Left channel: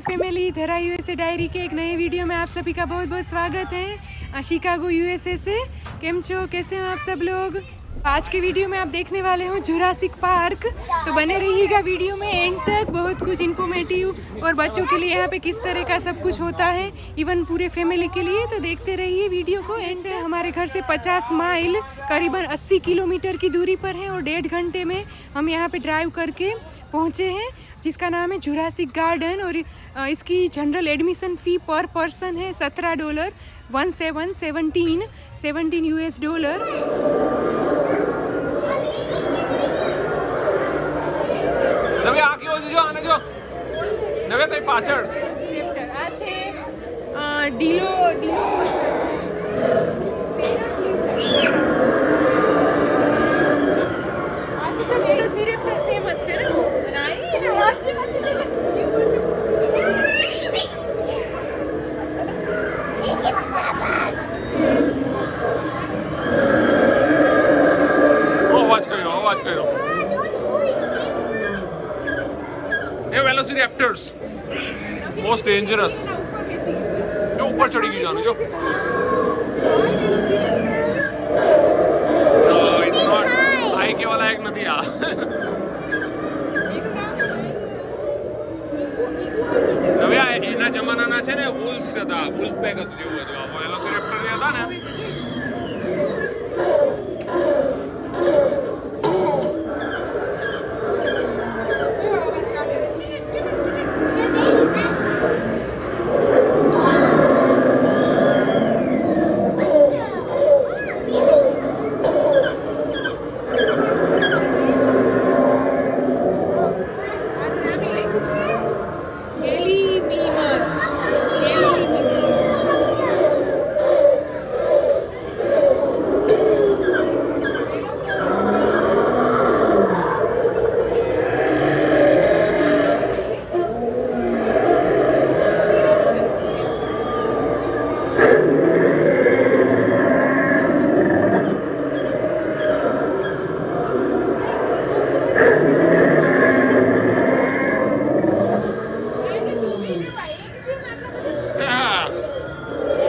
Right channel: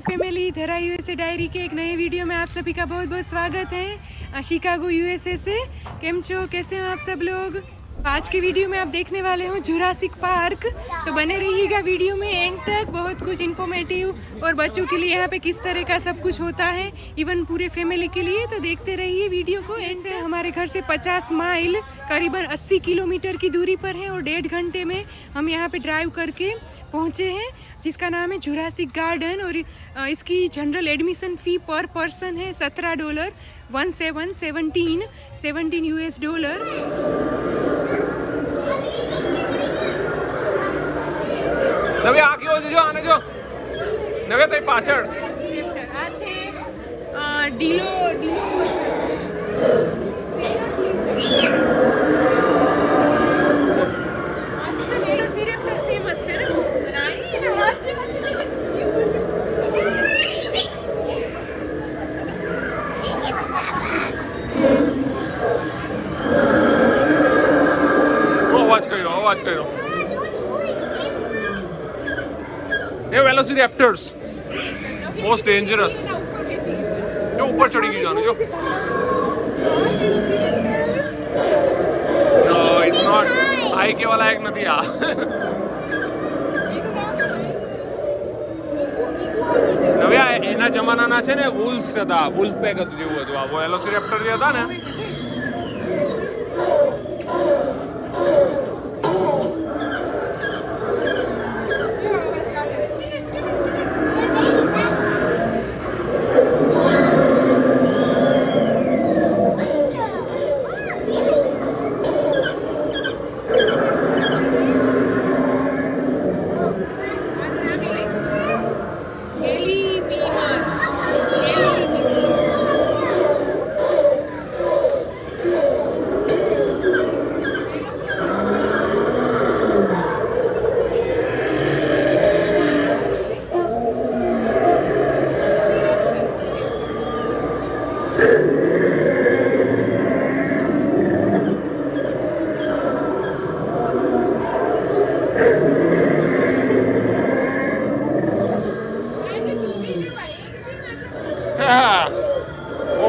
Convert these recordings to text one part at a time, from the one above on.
फैमिली धरा USA diary के एक नए वीडियो में आप सभी का बहुत बहुत स्वागत है। शिकागो यूएसए से केम छो, कैसे हो आप सब लोग। आज के वीडियो में आप देखने वाले हो जुरासिक पार्क, तो बने रहिएगा वीडियो में एंड तक। बहुत कुछ इन्फॉर्मेटिव और बच्चों के लिए यहाँ पे किस तरह का सब कुछ होता है, इवन पूरे फैमिली के लिए, तो देखते रहिए वीडियो को एंड तक। हमारे घर से 50 माइल करीबन 80 किलोमीटर की दूरी पर है और 1.5 घंटे में हम यहाँ पे ड्राइव करके पहुँचे हैं, जिसका नाम है जुरासिक गार्डन। और इसकी जनरल एडमिशन फ़ी पर पर्सन है $17, 17 US डॉलर। નવે આ કેવો છે જો આને જો નવે તઈ પાછળ આ છે ડીલો ફેમસ છે ને અવાજ કર્યો ये वेलोसिरैप्टर्स मोस्ट डेंजरस जो ऊपर चढ़ी गई जानो जो नो इट्स नॉट हाई के वाला एक નથી આ હવે એના જમાનાના છે ને વુલ્સ હતા, વુલ્ફ પેક જેવું હતું આ વેલોસિરैप्टर જે હતા ને।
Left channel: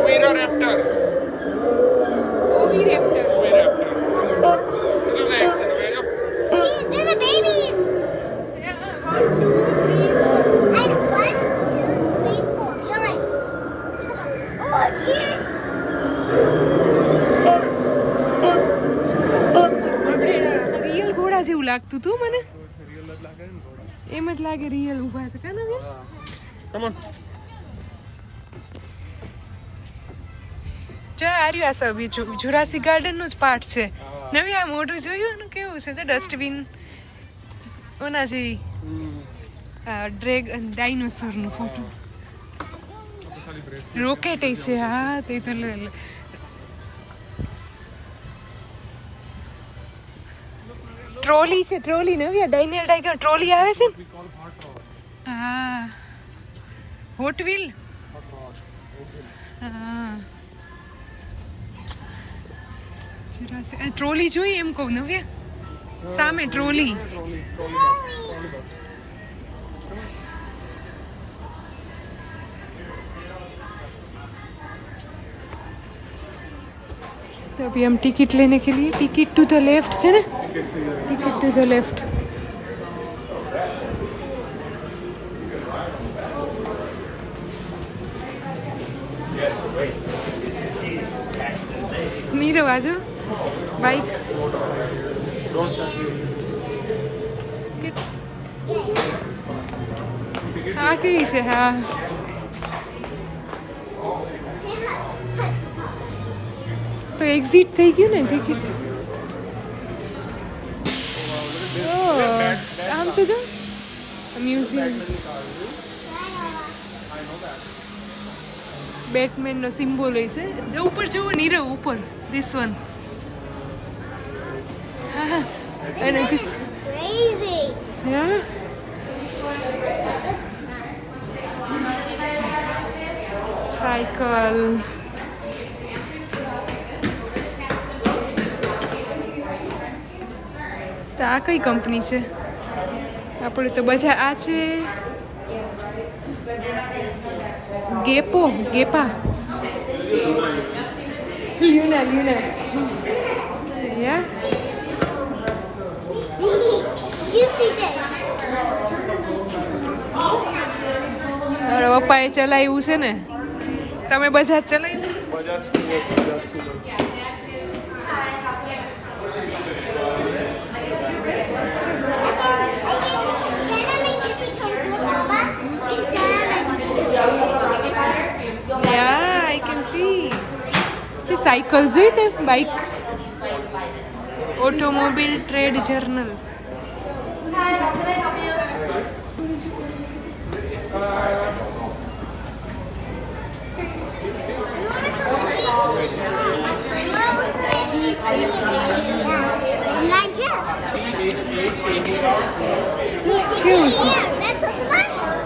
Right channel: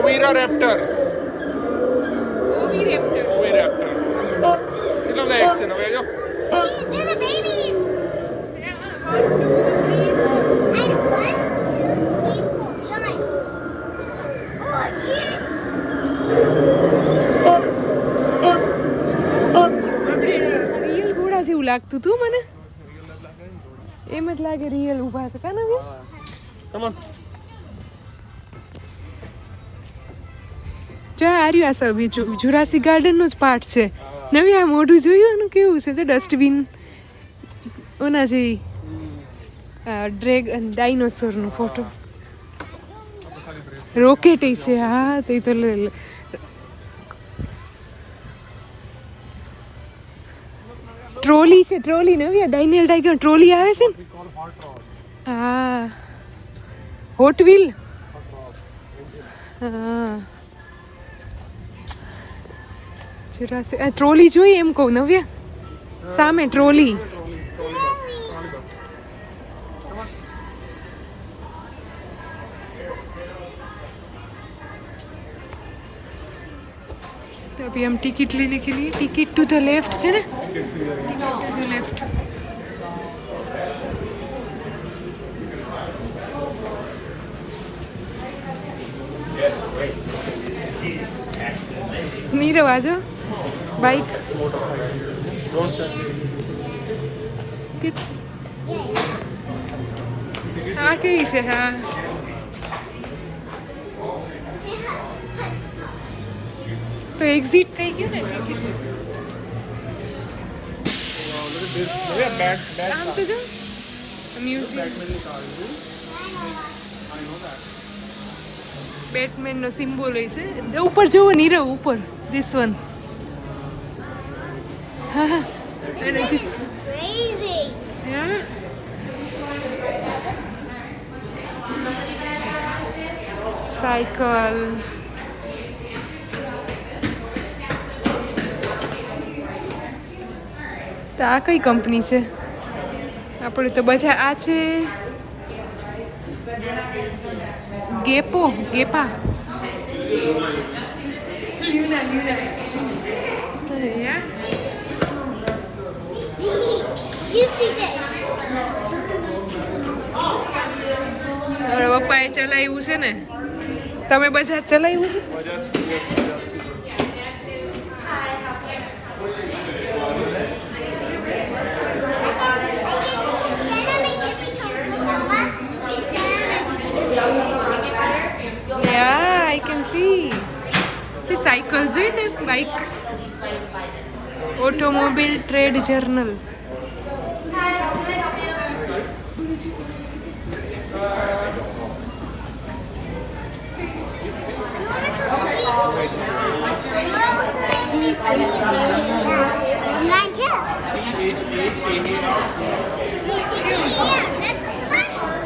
ओविराप्टर कितना लाइक से नवे जो They're the babies. 1, 2, 3, 4. And 1, 2, 3, 4. You're right. Oh, kids. Real ઘોડા જેવું લાગતું તું મને, એમ જ લાગે રિયલ ઊભા છે કાનો કે કમ ઓન જા આર્યું આ સબ જુરાસિક ગાર્ડન નો જ પાર્ટ છે। નવી આ મોઢું જોયું એનું કેવું છે, જો ડસ્ટબિન ઓના જેવી ડ્રેગન ડાયનોસોર નો ફોટો, રોકેટ છે હા તે તો ટ્રોલી છે, ટ્રોલી નવી ડાયનેલ ટાઈગર ટ્રોલી આવે છે ને, હા હોટ વ્હીલ, હા ટ્રોલી જોઈ એમ કહું નવ્યા, સામે ટ્રોલી। तो अभी हम टिकट लेने के लिए, टिकट टू द लेफ्ट है ना, ticket to the left. Nirav आजो बाइक हाँ कहीं से हाँ तो एग्जिट થઈ ગયું ને આમ તો જો મ્યુઝિયમ બેટમેન નો સિમ્બોલ હોય છે ઉપર જોવો નીરવ ઉપર ધીસ વન હા અને ધીસ Crazy. હા સાયકલ તો આ કઈ કંપની છે આપણે તો બજાર આ છે ગેપા લ્યુના યા Juicy day. તારા પપ્પાએ ચલાવ્યું છે ને તમે બધા ચલાવ્યું છે Yeah, I can see. The cycles, the bikes. Automobile Trade Journal.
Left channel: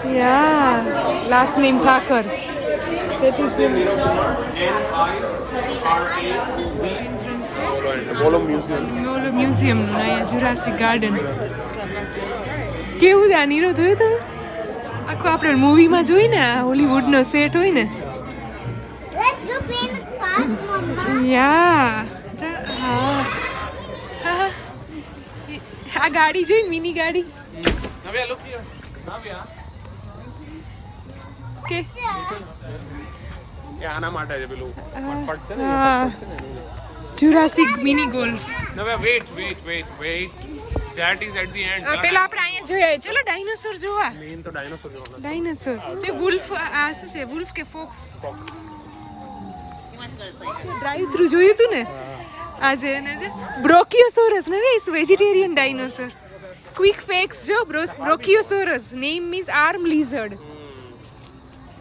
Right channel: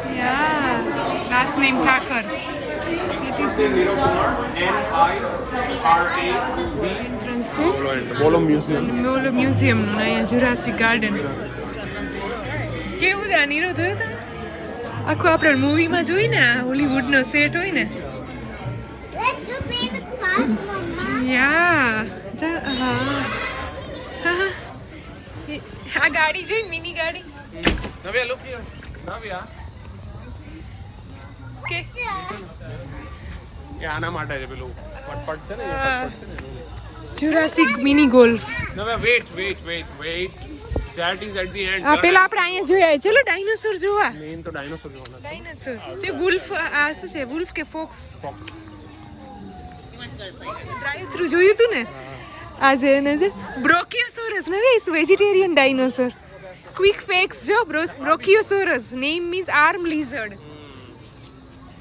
Yeah, last name Thakur. That is entrance to Molo Museum નું અહીંયા જુરાસિક ગાર્ડન કેવું છે આ નીરો જોયું તમે આખું આપણે મૂવીમાં જોઈ ને આ હોલીવુડનો સેટ હોય ને Let's go play in the park, Mama. યા હા હા આ ગાડી જોઈ મિની ગાડી નવ્યા look here. નવ્યા કે કે આના માટે છે પેલું પટપટ છે ને હા Jurassic mini golf Navya wait that is at the end આ પેલા આપણે અહીંયા જોયા ચલો ડાયનોસોર જોવા મેઇન તો ડાયનોસોર જોવાનો ડાયનોસોર જે વુલ્ફ આ શું છે વુલ્ફ કે ફોક્સ ડ્રાઈવ થ્રુ જોયું હતું ને આજે એને જે બ્રોકિયોસોરસ ને is vegetarian dinosaur quick facts જો brachiosaurus name means arm lizard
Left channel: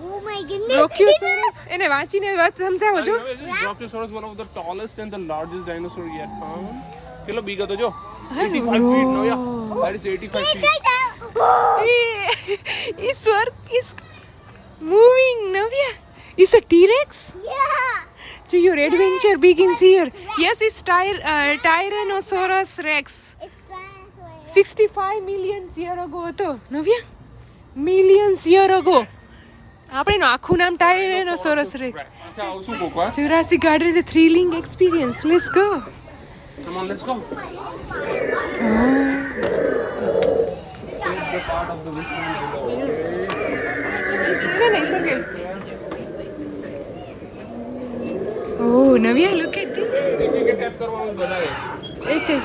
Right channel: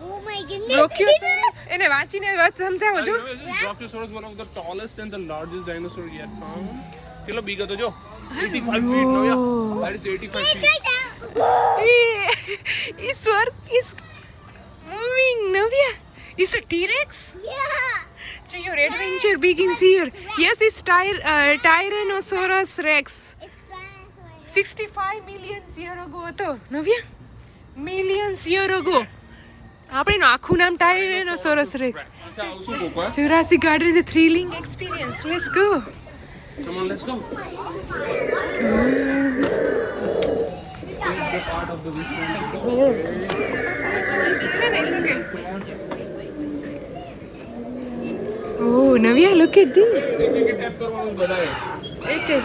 Oh my goodness. Brachiosaurus એને વાંચીને વાત સમજાવો જો Brachiosaurus one of the tallest and the largest dinosaur yet found કેટલો big હતો જો Hey, 85 feet whoa. Navya that is 85 Wait, feet right now. His work is moving Navya is a T-Rex Yeah. so your adventure begins here yes it's Tyrannosaurus Rex It's trying 65 million year ago હતો Navya millions year ago આપણે એનું આખું નામ Tyrannosaurus Rex અચ્છા આવશું કોકવાર Jurassic Garden is a thrilling experience let's go come on let's go the part of the Wishman No, it's okay. Oh, Navya, look at this. કે ટેપ કરવાનું બધાએ Okay.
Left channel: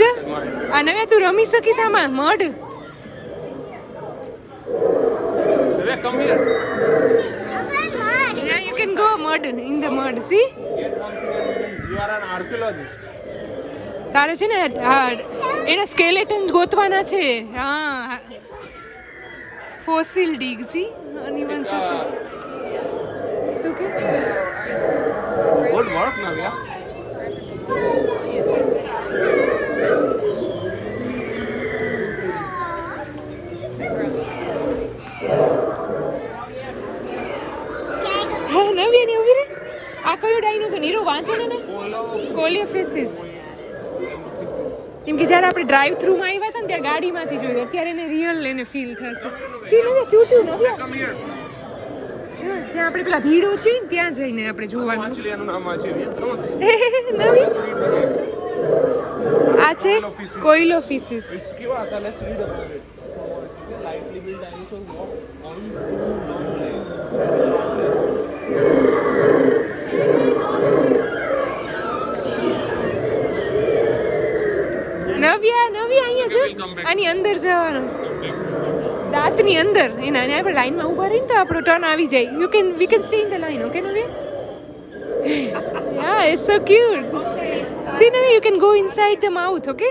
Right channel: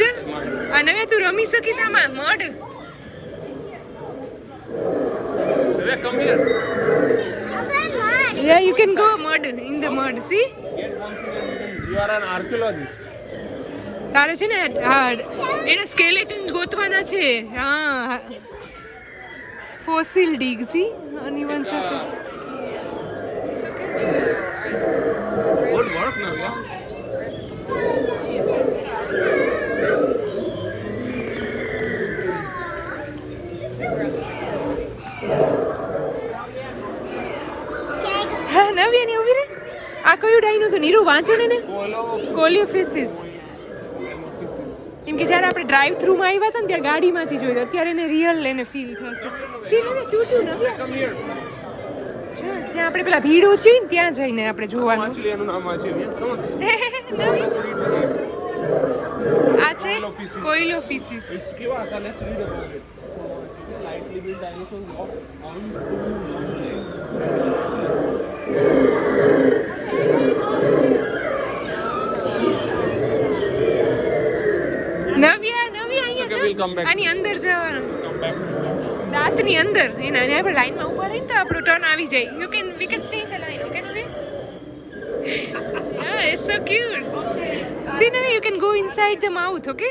જા આ નવ્યા તું રમી શકીશ આમાં મડ Navya come here Yeah, you can go mud in the mud. See? Yet one thing you are an archaeologist તારે છે ને એના સ્કેલેટન્સ ગોતવાના છે હા ફોસિલ ડીગ સી અનિવન સાથે શું કે good work નવ્યા હા નવ્યા ને ઉભી રે આ કયું ડાયનોસોર નીરુ વાંચે ને કોલિયોફિસિસ કેમ કે જ્યારે આપણે ડ્રાઈવ થ્રુ માં આવ્યા હતા ને ત્યાં ગાડીમાંથી જોયું અત્યારે એને રિયલ એને ફીલ થશે સી નવ્યા ક્યુટ નવ્યા come here જો જ્યાં આપણે પેલા ભીડ ઓછી હોય ને ત્યાં જઈને આપણે જોવાનું વાંચી લે એનું નામ વાંચી come on નવી આ છે કોઇલોફિસિસ કેવા હતા let's read about it lightly built dinosaurs walk on two long legs Navya અહીંયા જો આની અંદર જવાનું દાંતની અંદર એના અને આપણે લાઈનમાં ઊભા રહીને તો આપણો ટર્ન આવી જાય we can stay in the line okay Navya હા it's so cute see Navya you can go inside the mouth okay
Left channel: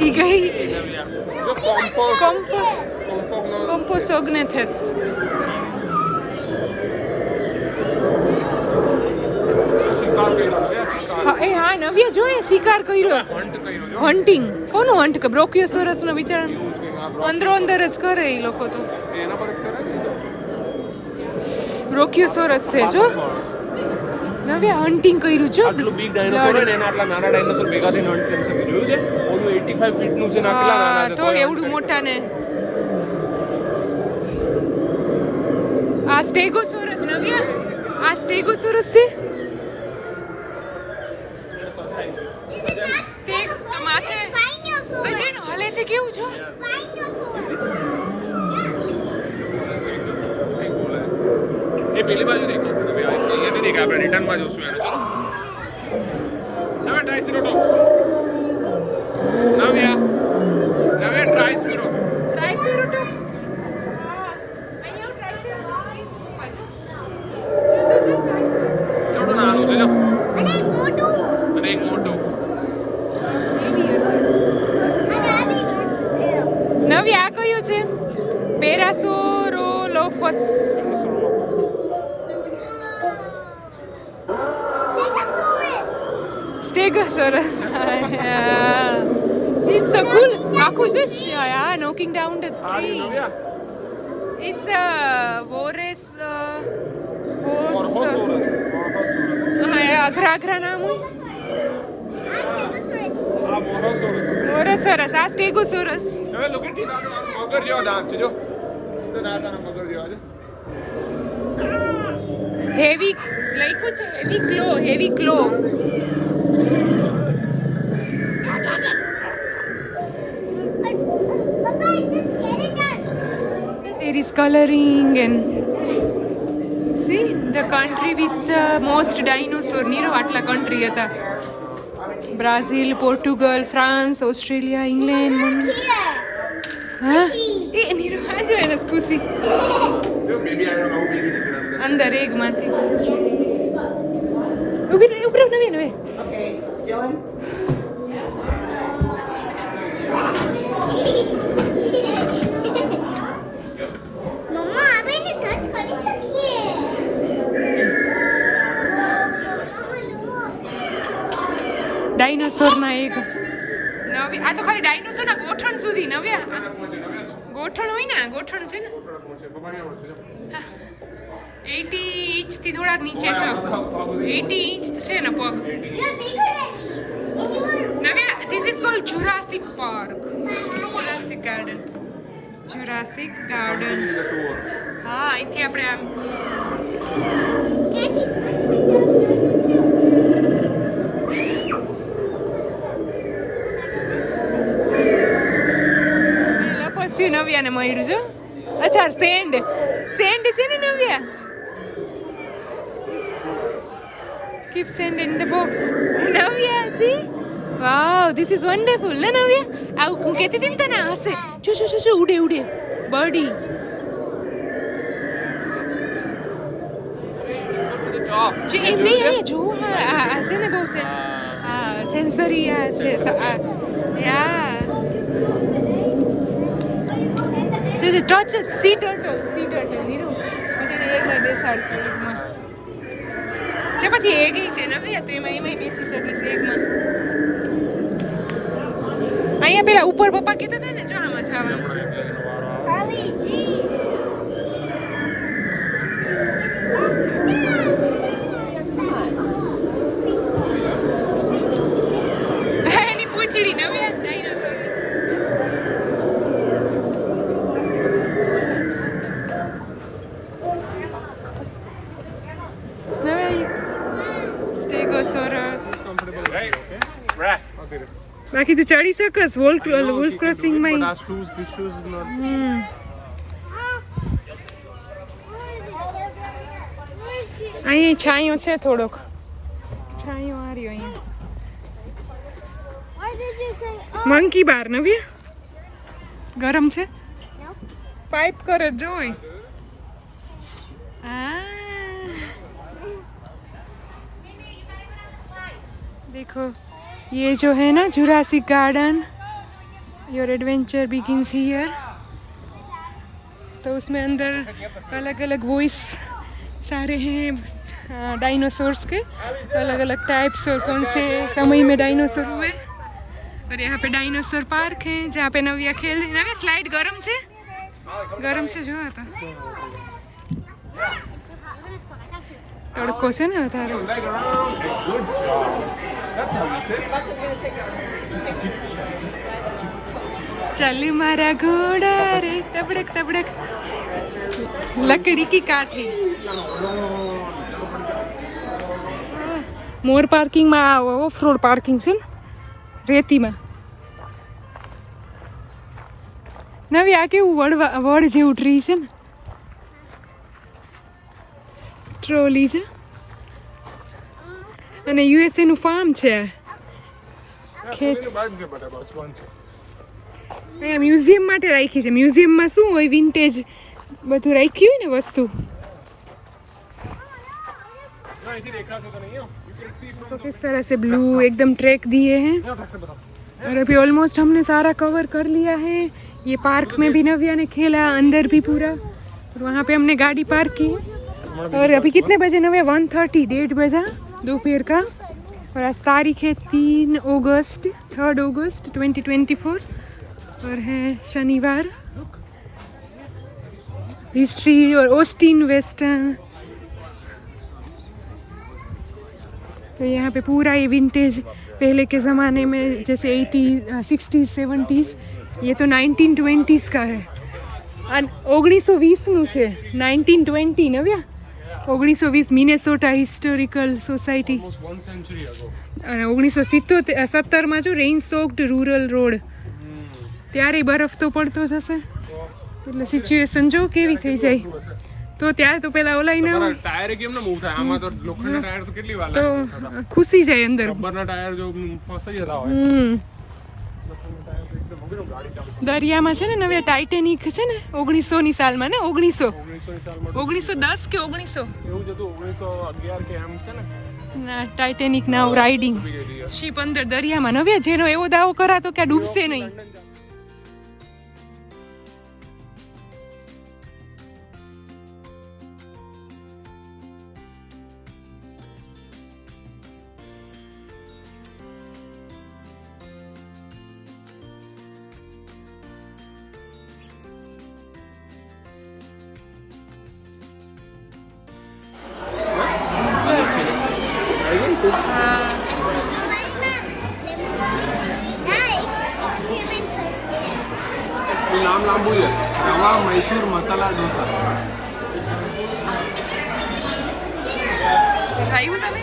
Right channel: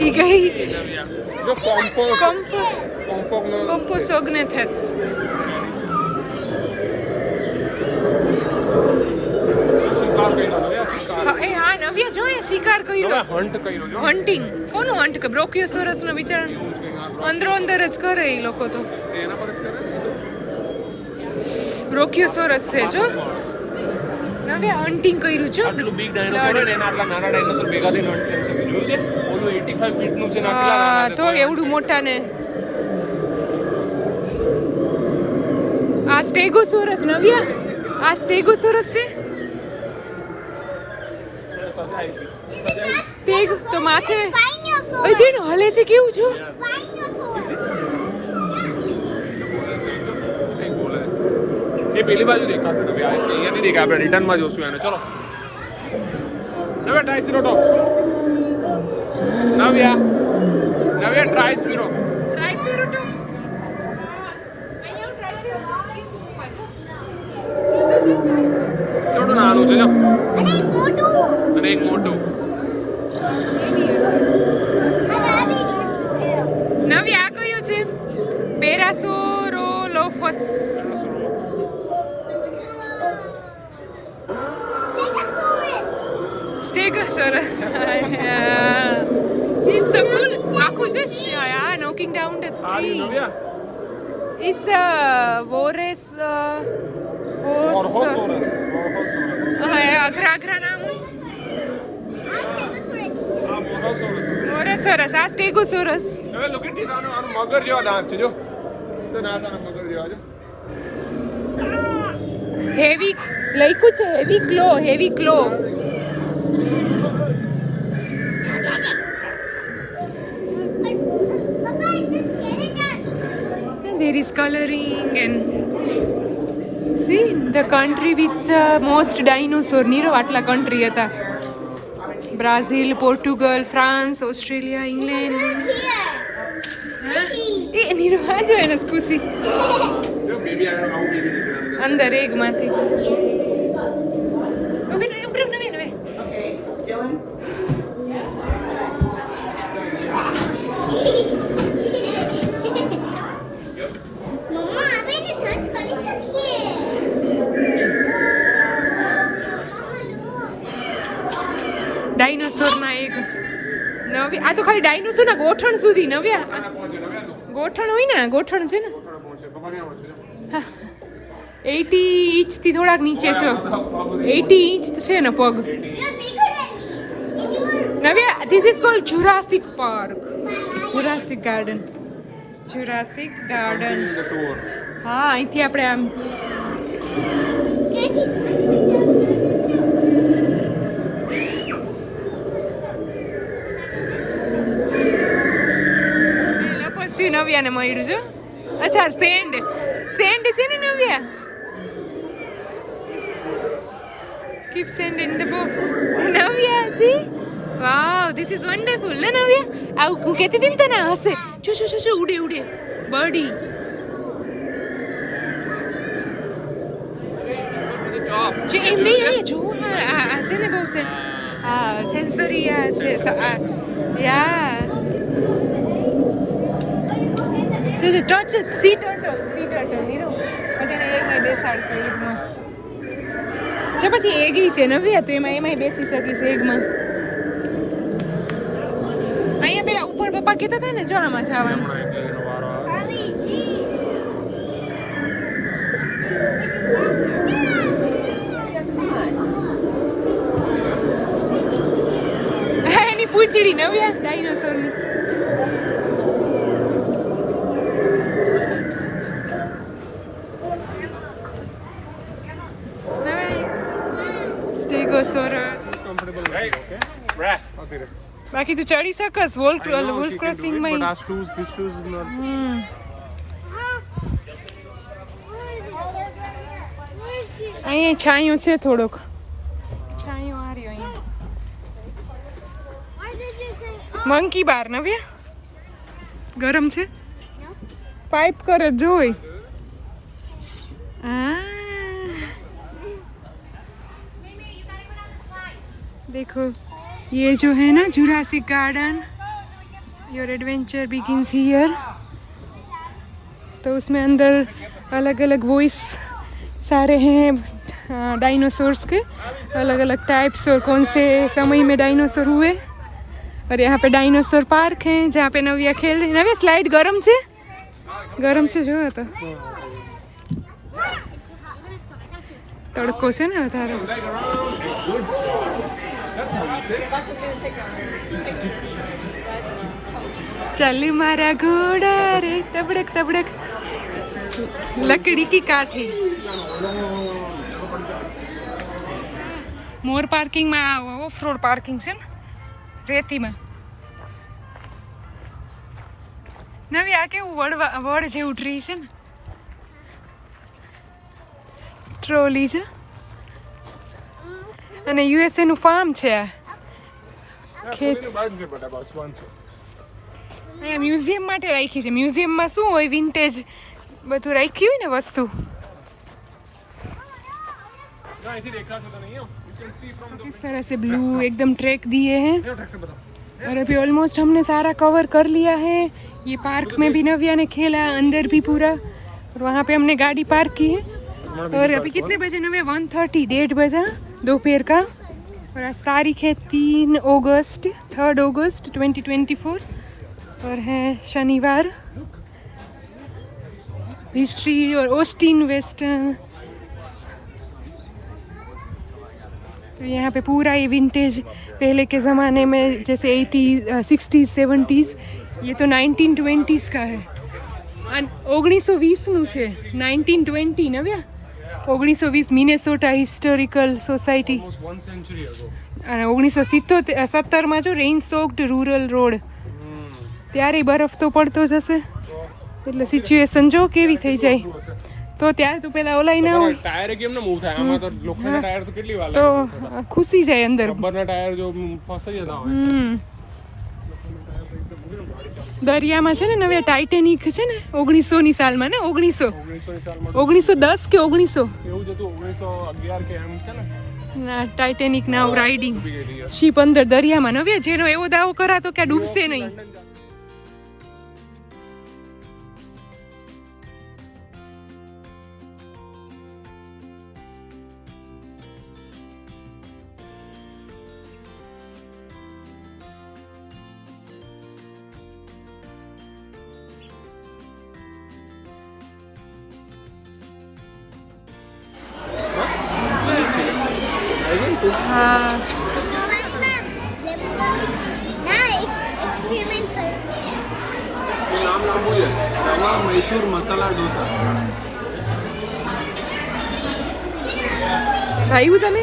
ઈ ગઈ જો કોમ્પોસોગ્નેથસ એ હા નવ્યા જો એ શિકાર કર્યો હન્ટ કર્યો જો હન્ટિંગ કોનું હન્ટ કે બ્રોકિયોસોરસ નો વિચાર અંદરો અંદર જ કરે એ લોકો તો એના પર બ્રોકિયોસોરસ છે જો નવ્યા હન્ટિંગ કર્યું છો આટલું big dinosaur છે ને એના આટલા નાના dinosaur ભેગા થઈને hunt કરી શકે. જોયું છે? ઓલું 85 ફીટનું છે ને આ કેટલા હા નાના તો છે. એવડું મોટા ને આ સ્ટેગોસોરસ નવ્યા આ સ્ટેગોસોરસ છે સ્ટેગ તો માથે Dinosaur. અજય નો હલે છે કેવું છો એ પેલી બાજુ દેખાશે ને ભાઈ. અહીંયા નહીં દેખાય. આપણે રિટર્નમાં જોશું એને. ચલો. નવ્યા ટ્રાયસેરોટોપ્સ. નવ્યા ટ્રાયસેરો. ટ્રાયસેરોટોપ્સ અહીંયા ટ્રાયસેરોટોપ્સ કેવડું નાનું છે જો. અને એક મોટું અને એક મોટું. અને આ બી નવ્યા આ કયું છે પેરાસોરોલોફસ Stegosaurus. Stegosaurus. It's so cool. આખું છે yeah, knocking down the tree. It's a Vores horse. અઘરા નામ હોય આ Stegosaurus. Morasaurus. આ Stegosaurus. હવે look at this. આનું મગર જેવા દાંત છે જો. તો નાના મગર જેવા છે. હેવી લઈકું છે હેવી ક્લો Papa, is this skeleton? there is coloring and see the country with the most dinosaur નીરો આટલા country હતા Brazil Portugal France Australia England Here. હા એ નીરો આ જો એને ખુશી જો બેબી આયો આવું બેબી નીકળ્યા. અંદર એગમાંથી ઉભી નવી મમ્મા આપણે ટચ કરી શકીએ ડાયનોસોરના એક નવી આ તો ખાલી ડાયનોસોરના ગોઠણ સુધી નવ્યા પહોંચે નવ્યા તો. ગોઠણ હોય ને ગોઠણ છે ને થોડા પહોંચે. પકડ્યા પહોંચે જો. 80 ઇંચથી થોડાક નીચે છો 80 ઇંચ છે ને પગ You're bigger than me. If you were Navya this is called Jurassic park Jurassic garden The tour. હા અહીંથી આપણે આમ પછી નવ્યાને મળ્યું છે અચ્છા સેન્ડ છે ને Navya keep sand in the box Navya see wow this is wonderful ને નવ્યા આવું હું કહેતી હતી ને તને હશે શું ઉડે બર્ડી જે એમ નહીં અહીંયા જો આ છે ને બહુ સેન્સરી આ છે યા જો ટચ સી ટર્ટલ નીરો મજાને એમાં બેસાડશે એગમાં જો પછી એગી છે નવ્યા તો એમાં બેસી શકીશ એગમાં અહીંયા પેલા ઉપર પપ્પા કહેતા હતા ને જો આમાં જવાનું Ali G. એની પૂંછડી નવ્યા ડાયનોસોરની સ્ટેગોસોરસ Comfortable with you, okay? Rest. Okay. બાકી તું ચડી શકસ wall I know she can crossing do it, માં but our shoes, these shoes is not. અહીંયા છાંયો છે થોડોક છાંયો આ રહ્યો અહીંયા Why did you say monkey bar Navya ગરમ છે no? પાઇપ કરે જોઈ देखो ये जो है ना Jurassic garden your adventure begins here तो उसमें अंदर अलग अलग वॉइस सारे हैं डायनासोर्स के अलग अलग टाइप्स और कौन से समय में डायनासोर हुए और यहाँ पे डायनासोर पार्क है जहाँ पे नव्या खेल रही नव्या स्लाइड गरम से जो तो તડકો છે ને વધારે. Leg around. Hey, good job. That's how you sit. ચાલી મારા ઘોડા રે તબડક તબડક લકડી કી કાઠી. મોર પાર્કિંગમાં ઓફ રોડ પાર્કિંગ છે ને રેતીમાં. નવી આ કેવું વડ જેવું ટ્રી છે ને. ટ્રોલી છે અને યુએસએ નું ફાર્મ છે આ. મ્યુઝિયમ માટે રાખી છે. મ્યુઝિયમમાં શું હોય વિન્ટેજ બધું રાખી હોય ને વસ્તુ. तो किस तरह से ब्लू एकदम ट्रैक दिए हैं और अभी ऑलमोस्ट हमने सारा कवर कर लिया है. ये पार्क में भी नव्या ने खेला, अंदर भी पूरा. और वहाँ पे हमने गाड़ी पार्क की है. और अभी कितने बजे नव्या 1:30 1:30 बजा दोपहर का. और आज तारीख है 3 अगस्त 2024 और है शनिवार. हिस्ट्री और ऑस्टिन वेस्टर्न. तो यहाँ पे पूरा ये विंटेज पहले के ज़माने में जैसे 80s 60s 70s ये तो 1920s का है. 1920નું છે 1920 નવ્યા 1920 મિનેસોટા હિસ્ટોરિકલ સોસાયટી. અને 1970માં જો રેઇન સોક્ડ રૂરલ રોડ ત્યારે બરફ તો પડતો જ હશે એટલે સિચ્યુએશન જો કેવી થઈ જાય. તો ત્યારે તો પેલા ઓલાઈ ના હોય ટાયર કેમ ન મૂવ થાય આમાં તો લોખંડના ટાયર તો કેટલી વાર તો લાગે ખુશી જાય અંદર. રબરના ટાયર જો ફસાઈ જતા હોય. દરિયામાં છે ને નવે ટાઇટેનિક છે ને 1900ની સાલમાં ને 1910 કે 1900 એવું જ હતું 1911 કે એમ છે ને. ના ટાઇટેનિક નાવ રાઇડિંગ શિપ અંદર દરિયામાં નવે જેનો એવો દાવો કરાતો કે આ ડૂબશે નહીં. હા નામ લાંબુ છે રવા મૈસૂર મસાલા ઢોસા. ખાયું તમે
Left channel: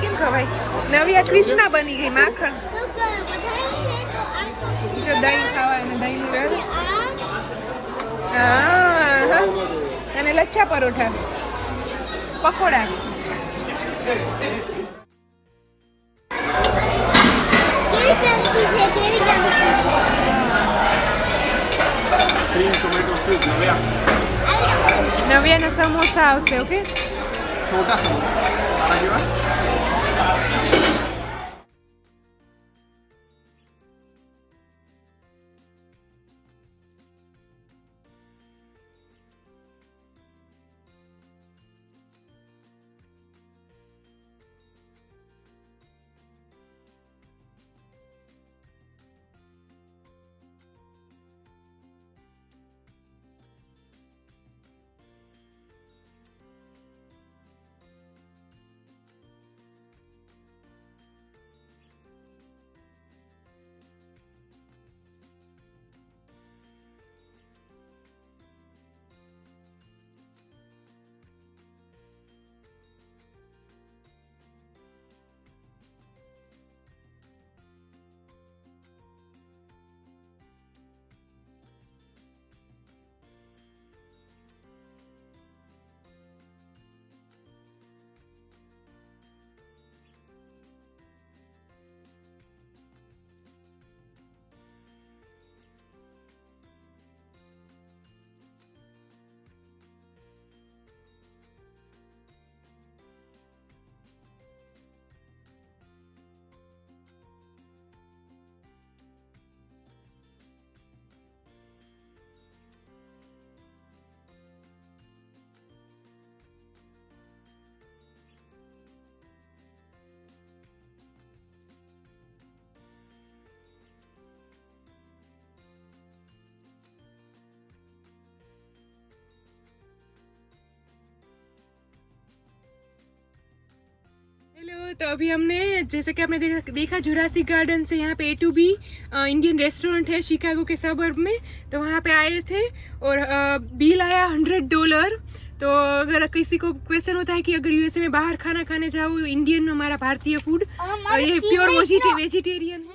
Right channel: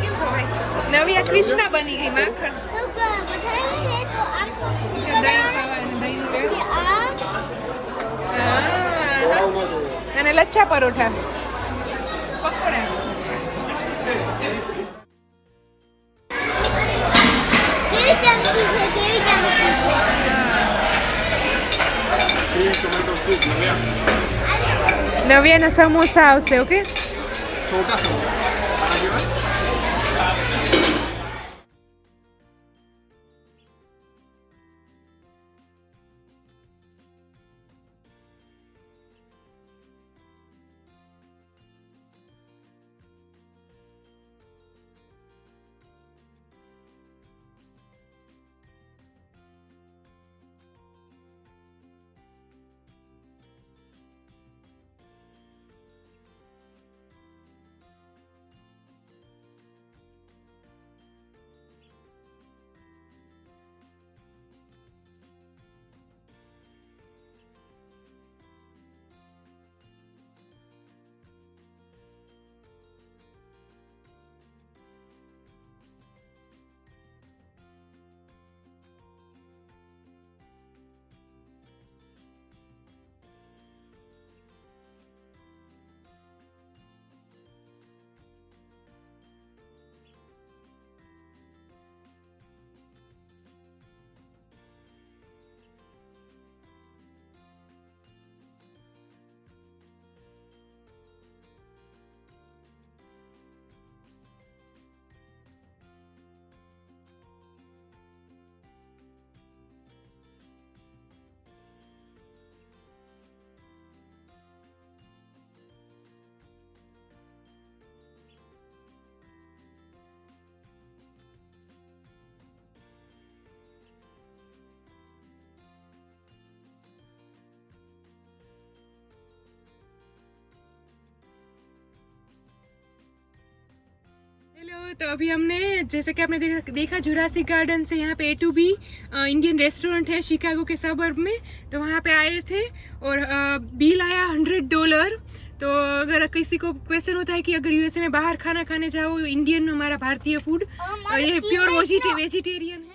કેમ ખવાય. નવી આ કૃષ્ણા બની ગઈ માખણ. જો દહીં ખાવાનું દહીંનું રેડ. હા અને lachha paratha pakoda. Cream tomato soup Navya નવ્યાના સમોસા આવશે. ઓકે છોટા સમોસા તારા કેવા. तो अभी हमने जैसे कि आपने देखा जुरासिक गार्डन से यहाँ पे A2B इंडियन रेस्टोरेंट है शिकागो के सबर्ब में, तो वहाँ पे आए थे और बिल आया $100। तो अगर किसी को क्वेश्चन होता है कि अगर यूएसए में बाहर खाना खाने जाओ इंडियन हमारा भारतीय फूड, ये प्योर वेजिटेरियन है।